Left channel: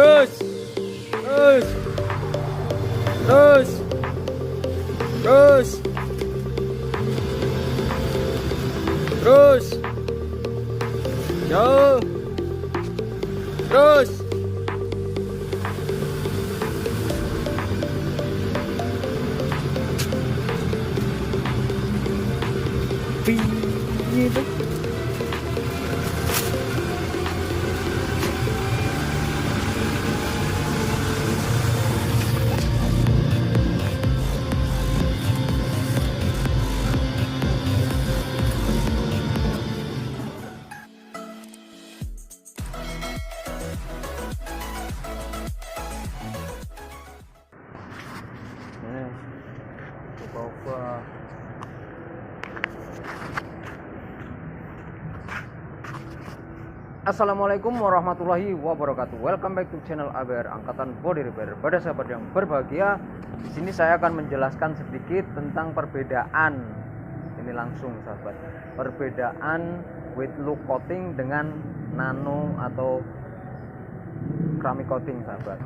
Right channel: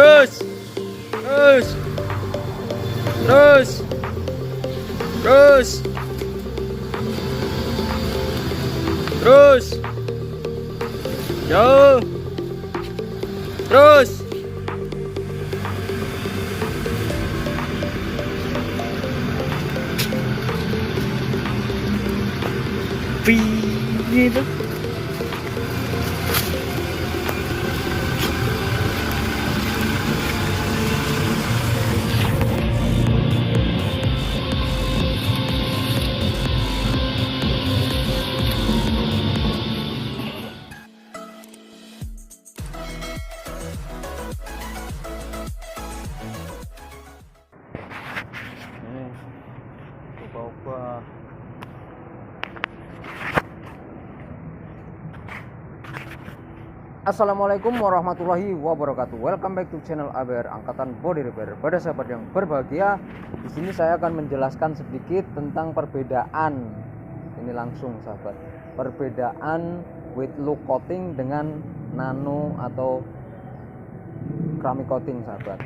Terus, terus, terus, terus, terus, jauh, terus. Gitu. Coba. Assalamualaikum warahmatullahi wabarakatuh. Welcome back to channel ABR Angkatan Body Repair. Pada sahabat yang berbahagia, di sini saya akan menjelaskan sedikit tentang perbedaan. Ini langsung sahabat. Perbedaan wet look coating dengan nano atau keramik coating sahabat.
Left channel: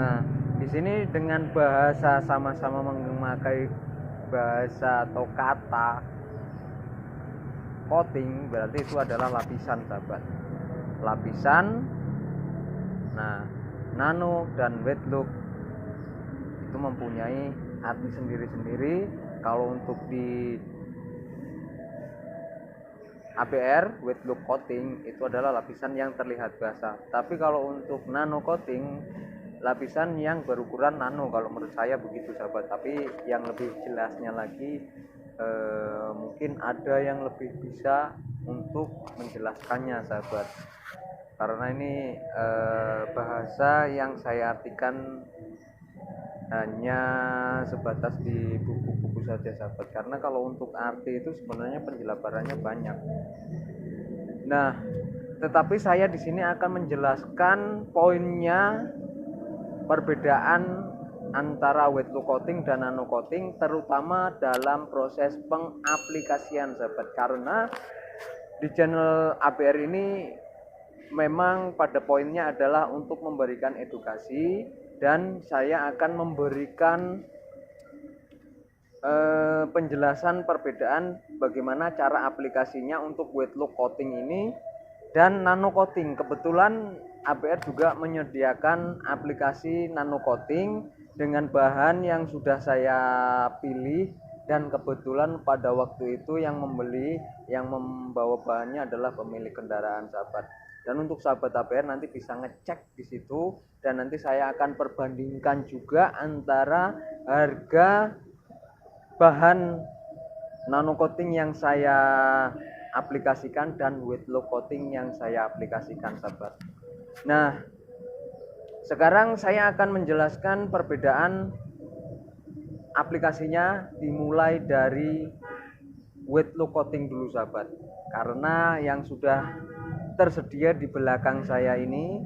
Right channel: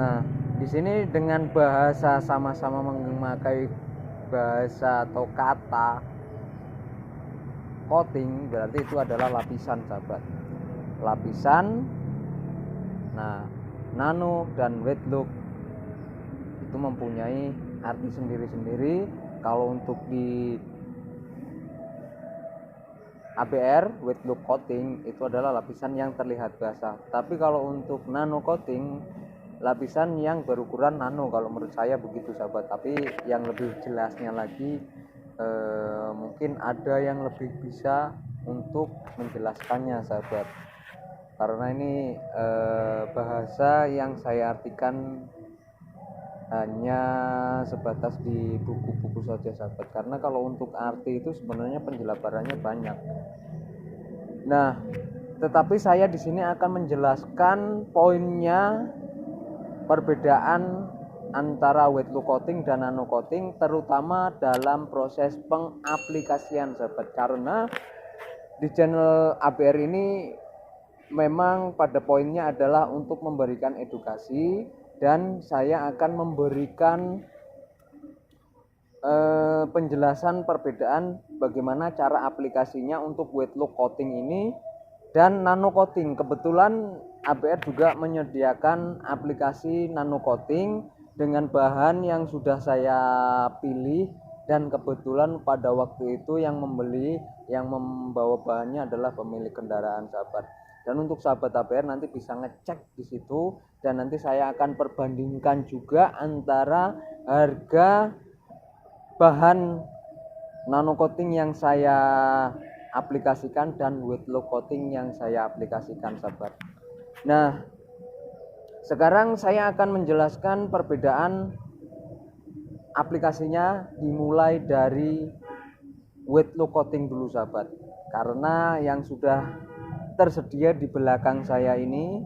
Nah, di sini dengan bahasa sama-sama memakai bahasa atau kata coating, berarti itu adalah lapisan sahabat. Lapisan. Nah, nano dan wet look itu mempunyai arti sendiri-sendiri. Kalau untuk di ABR wet look coating itu adalah lapisan yang terlihat basah. Tapi kalau untuk nano coating, lapisan yang berukuran nano, kalau menurut saya begitu sahabat. Tapi yang lebih jelasnya lagi mungkin ada yang lebih bisa untuk menjelaskannya sahabat, karena ini bahasa yang saya artikan hanya sebatas di buku-buku saja sahabat, karena kalau untuk arti itu sebenarnya penjelasannya banyak. Nah, tetapi saya di sini akan menjelaskan poinnya perbedaan antara wet look coating dan nano coating, terutama dalam proses pengaplikasian sahabat. Karena di channel ABR ini memang pada poinnya adalah untuk memberikan edukasi, dan saya akan memberikan penjelasan perbedaan bagaimana cara aplikasinya untuk wet look coating ini dan nano coating. Kebetulan ABR juga menyediakan aplikasi nano coating dengan bahan yang sudah saya pilih, dan kebetulan pada waktu itu yang membawa bahannya adalah pemilik kendaraan sahabat. Dan untuk sahabat ABR nanti bisa ngecek di situ, dan nanti saya akan perbandingkan juga antara harga bahan nano coating yang saya aplikasikan dan wet look coating yang saya aplikasikan sahabat. Nah, sekarang saya akan menjelaskan perbedaan aplikasinya, dimulai dari wet look coating dulu sahabat, karena yang sudah tersedia di belakang saya ini,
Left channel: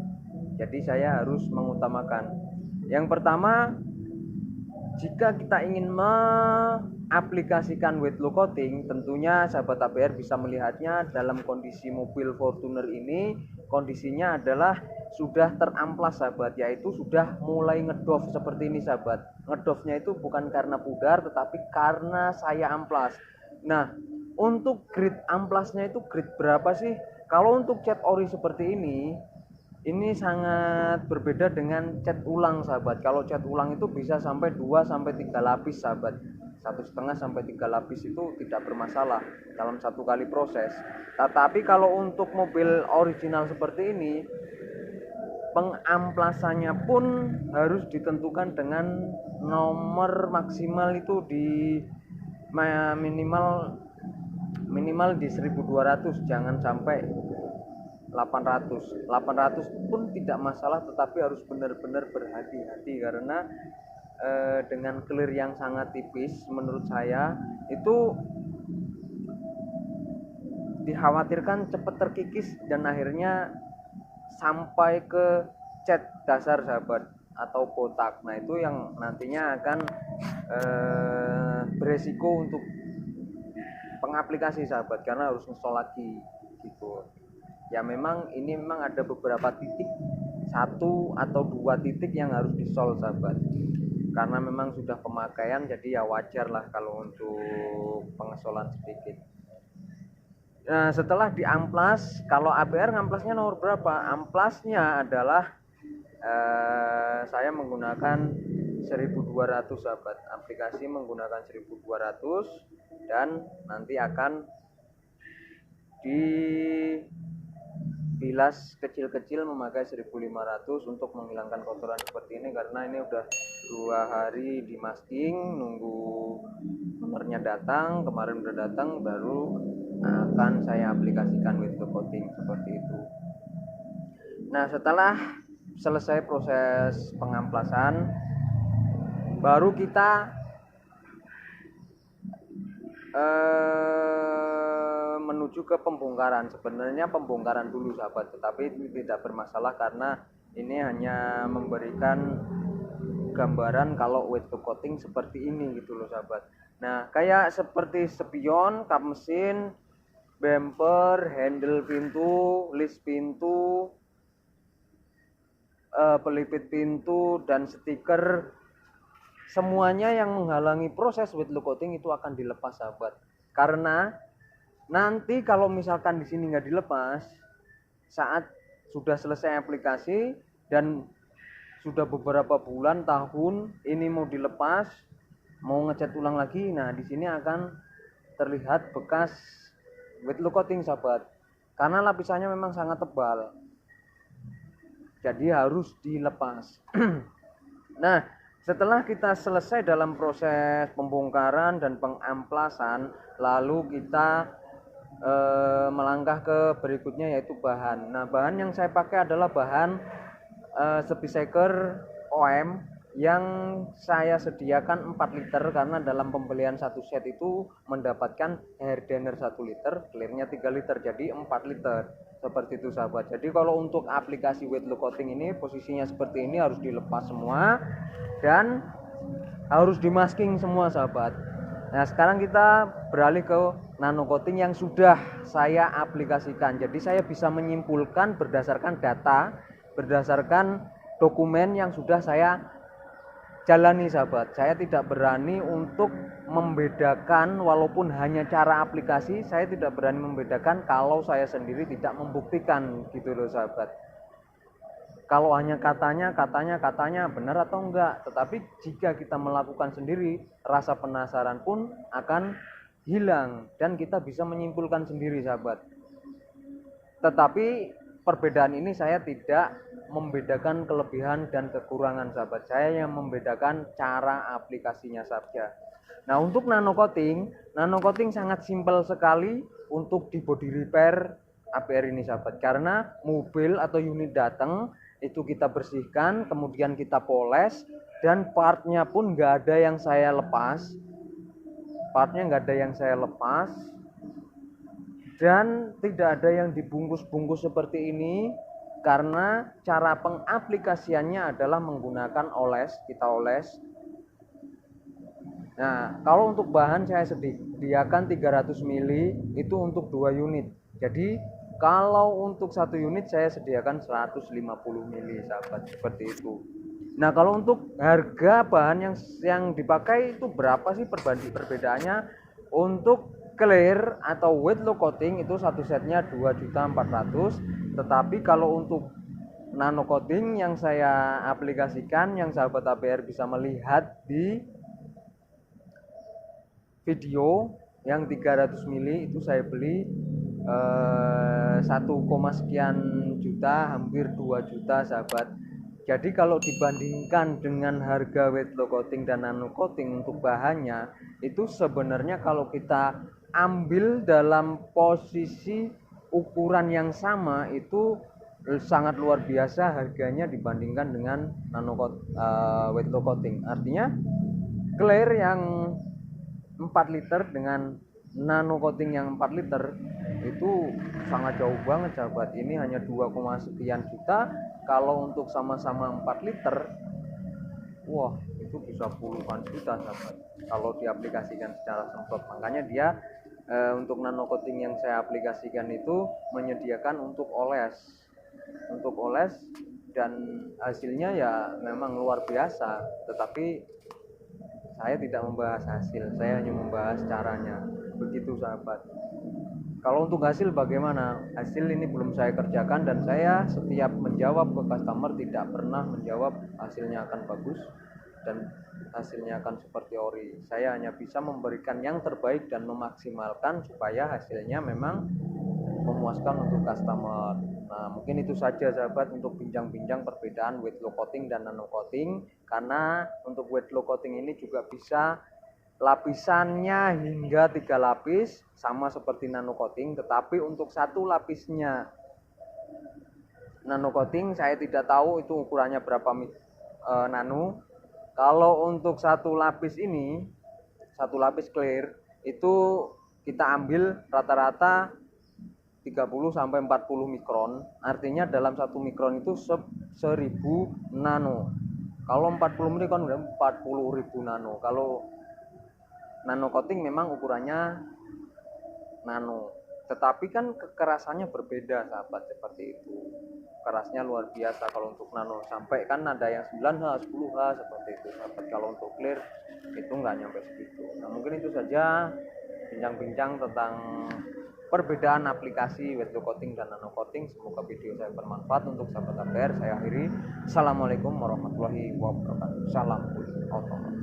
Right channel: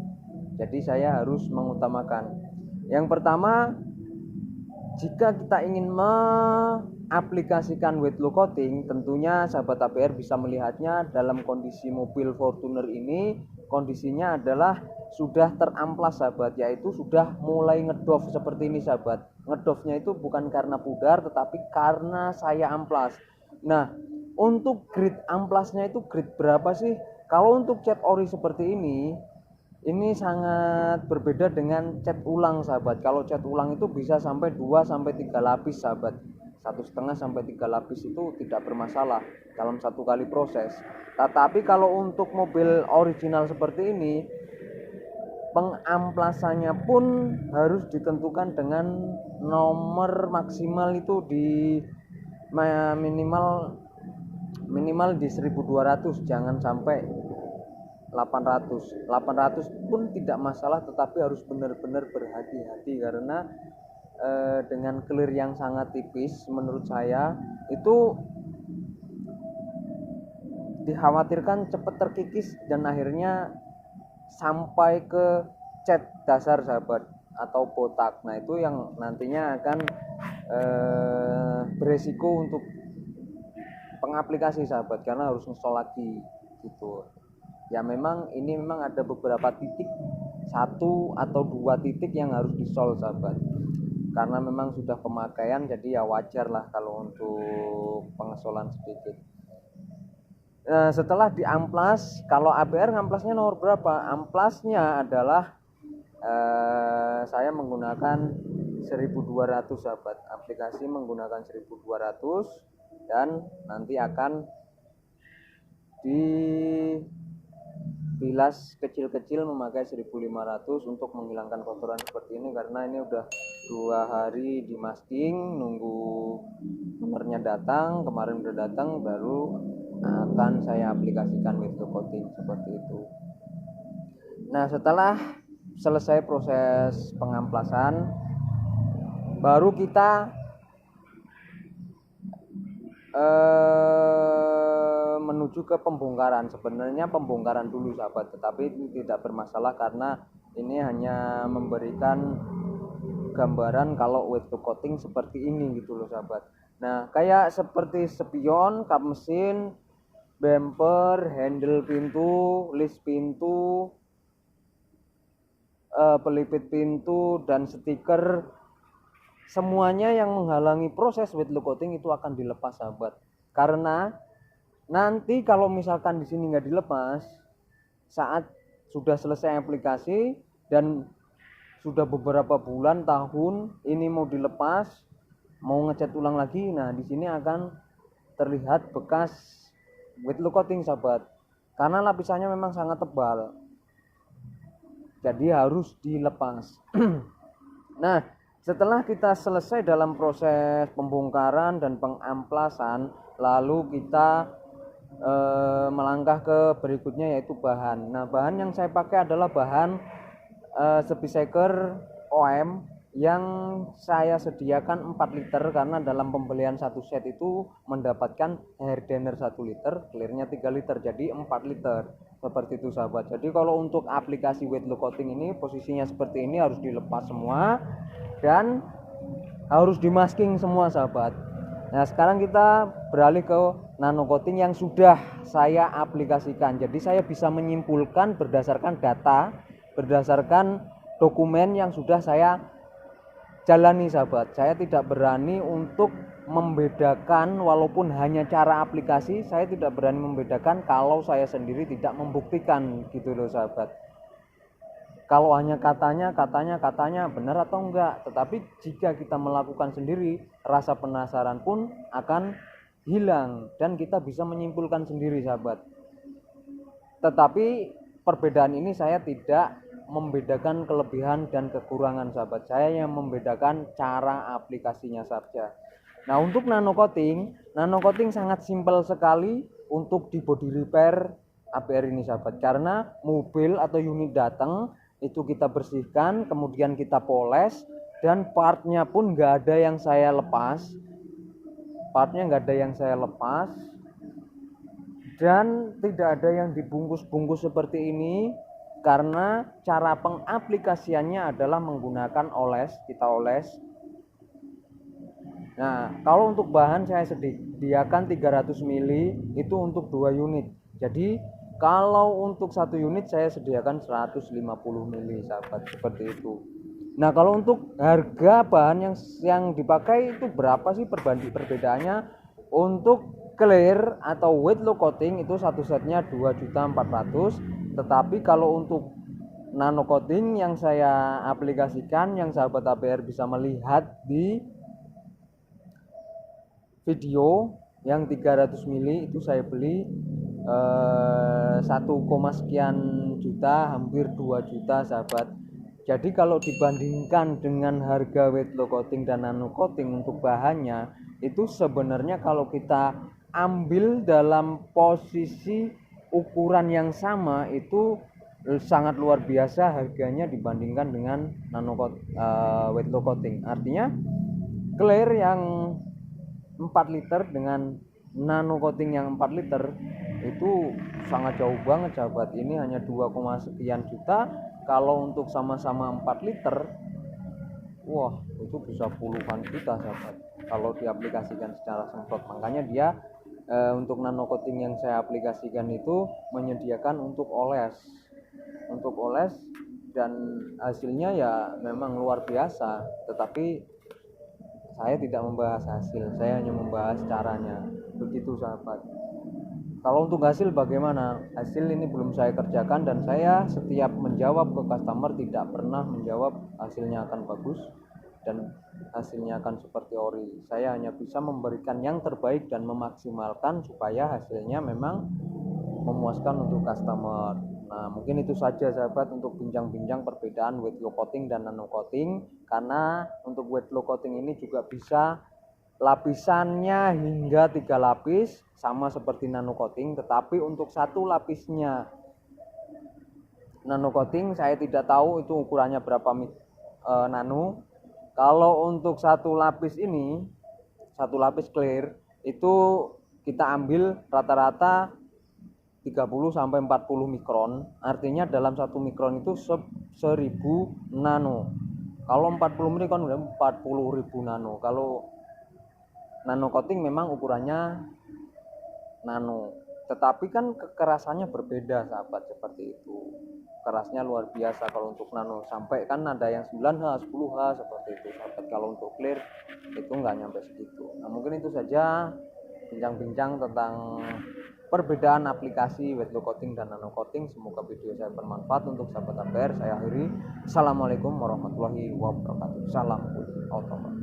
jadi saya harus mengutamakan. Yang pertama, jika kita ingin mengaplikasikan wet look coating, tentunya sahabat ABR bisa melihatnya dalam kondisi mobil Fortuner ini. Kondisinya adalah sudah teramplas sahabat, yaitu sudah mulai ngedoff seperti ini sahabat. Ngedoffnya itu bukan karena pudar, tetapi karena saya amplas. Nah, untuk grade amplasnya itu grade berapa sih? Kalau untuk cat ori seperti ini sangat berbeda dengan cat ulang sahabat. Kalau cat ulang itu bisa sampai 2-3 lapis sahabat. 1,5-3 lapis itu tidak bermasalah dalam satu kali proses. Tetapi kalau untuk mobil original seperti ini, pengamplasannya pun harus ditentukan dengan nomor maksimal itu di minimal di 1200, jangan sampai 800 pun tidak masalah, tetapi harus benar-benar berhati-hati, karena dengan clear yang sangat tipis menurut saya itu dikhawatirkan cepat terkikis dan akhirnya sampai ke cat dasar sahabat atau botak. Nah, itu yang nantinya akan beresiko untuk pengaplikasi sahabat, karena harus install lagi gitu. Ya memang ini ada beberapa titik satu atau dua titik yang harus disol sahabat, karena memang sudah pemakaian, jadi ya wajar lah kalau untuk pengesolan sedikit. Nah, setelah diamplas, kalau ABR ngamplasnya nomor berapa? Amplasnya adalah saya menggunakan 1200 sahabat, aplikasi menggunakan 1200 dan nanti akan dibilas kecil-kecil memakai 1500 untuk menghilangkan kotoran seperti ini, karena ini udah 2 hari di masking nunggu nomornya datang, kemarin udah datang, baru akan saya aplikasikan window coating seperti itu. Nah, setelah selesai proses pengamplasan, baru kita menuju ke pembongkaran. Sebenarnya pembongkaran dulu sahabat, tetapi itu tidak bermasalah karena ini hanya memberikan gambaran kalau window coating seperti ini gitu loh sahabat. Nah, kayak seperti spion, kap mesin, bumper, handle pintu, list pintu, pelipit pintu, dan stiker, semuanya yang menghalangi proses window coating itu akan dilepas sahabat. Karena nanti kalau misalkan di sini nggak dilepas, saat sudah selesai aplikasi dan sudah beberapa bulan, tahun ini mau dilepas, mau ngecat ulang lagi, nah di sini akan terlihat bekas window coating sahabat, karena lapisannya memang sangat tebal, jadi harus dilepas. Nah, setelah kita selesai dalam proses pembongkaran dan pengamplasan, lalu kita melangkah ke berikutnya, yaitu bahan. Nah, bahan yang saya pakai adalah bahan speedseeker OM yang saya sediakan 4 liter, karena dalam pembelian satu set itu mendapatkan hardener 1 liter, clearnya 3 liter, jadi 4 liter seperti itu sahabat. Jadi kalau untuk aplikasi window coating ini posisinya seperti ini, harus dilepas semua dan harus dimasking semua sahabat. Nah, sekarang kita beralih ke nano coating yang sudah saya aplikasikan. Jadi saya bisa menyimpulkan berdasarkan data, berdasarkan dokumen yang sudah saya jalani sahabat. Saya tidak berani untuk membedakan, walaupun hanya cara aplikasi, saya tidak berani membedakan kalau saya sendiri tidak membuktikan gitu loh sahabat. Kalau hanya katanya benar atau enggak, tetapi jika kita melakukan sendiri, rasa penasaran pun akan hilang dan kita bisa menyimpulkan sendiri sahabat. Tetapi perbedaan ini saya tidak membedakan kelebihan dan kekurangan sahabat, saya yang membedakan cara aplikasinya saja. Nah, untuk nano coating sangat simpel sekali untuk di body repair ABR ini sahabat, karena mobil atau unit datang itu kita bersihkan, kemudian kita poles, dan partnya pun nggak ada yang saya lepas, dan tidak ada yang dibungkus-bungkus seperti ini, karena cara pengaplikasiannya adalah menggunakan oles, kita oles. Nah, kalau untuk bahan saya sediakan 300 ml itu untuk 2 unit. Jadi kalau untuk 1 unit saya sediakan 150 ml sahabat, seperti itu. Nah, kalau untuk harga bahan yang dipakai itu berapa sih perbedaannya? Untuk clear atau window coating itu satu setnya 2.400.000, tetapi kalau untuk nano coating yang saya aplikasikan, yang sahabat ABR bisa melihat di video yang 300 mili itu saya beli 1, sekian juta, hampir 2 juta sahabat. Jadi kalau dibandingkan dengan harga window coating dan nano coating untuk bahannya, itu sebenarnya kalau kita ambil dalam posisi ukuran yang sama itu sangat luar biasa harganya dibandingkan dengan window coating. Artinya clear yang 4 liter dengan nano coating yang 4 liter itu sangat jauh banget sahabat. Ini hanya 2, sekian juta. Kalau untuk sama-sama 4 liter, wah itu bisa puluhan juta sahabat kalau diaplikasikan secara semprot. Makanya dia untuk nano coating yang saya aplikasikan itu menyediakan untuk oles dan hasilnya ya memang luar biasa, tetapi saya tidak membahas hasil, saya hanya membahas caranya. Begitu sahabat. Kalau untuk hasil bagaimana? Hasil ini belum saya kerjakan, dan saya setiap menjawab ke customer tidak pernah menjawab hasilnya akan bagus dan hasilnya akan seperti ori. Saya hanya bisa memberikan yang terbaik dan memaksimalkan supaya hasilnya memang memuaskan untuk customer. Nah, mungkin itu saja sahabat untuk bincang-bincang perbedaan wet low coating dan nano coating. Karena untuk wet low coating ini juga bisa lapisannya hingga 3 lapis sama seperti nano coating, tetapi untuk satu lapisnya nano coating saya tidak tahu itu ukurannya berapa nano. Kalau untuk satu lapis ini, satu lapis clear itu kita ambil rata-rata 30 sampai 40 mikron. Artinya dalam 1 mikron itu 1000 nano. Kalau 40 mikron udah 40.000 nano. Kalau nano coating memang ukurannya nano, tetapi kan kekerasannya berbeda sahabat, seperti itu. Kerasnya luar biasa kalau untuk nano, sampai kan ada yang 9H, 10H seperti itu sahabat. Kalau untuk clear itu nggak nyampe segitu. Nah, mungkin itu saja bincang-bincang tentang perbedaan aplikasi wet low coating dan nano coating. Semoga video saya bermanfaat untuk sahabat APR. Saya akhiri. Assalamualaikum warahmatullahi wabarakatuh. Salam otomotif.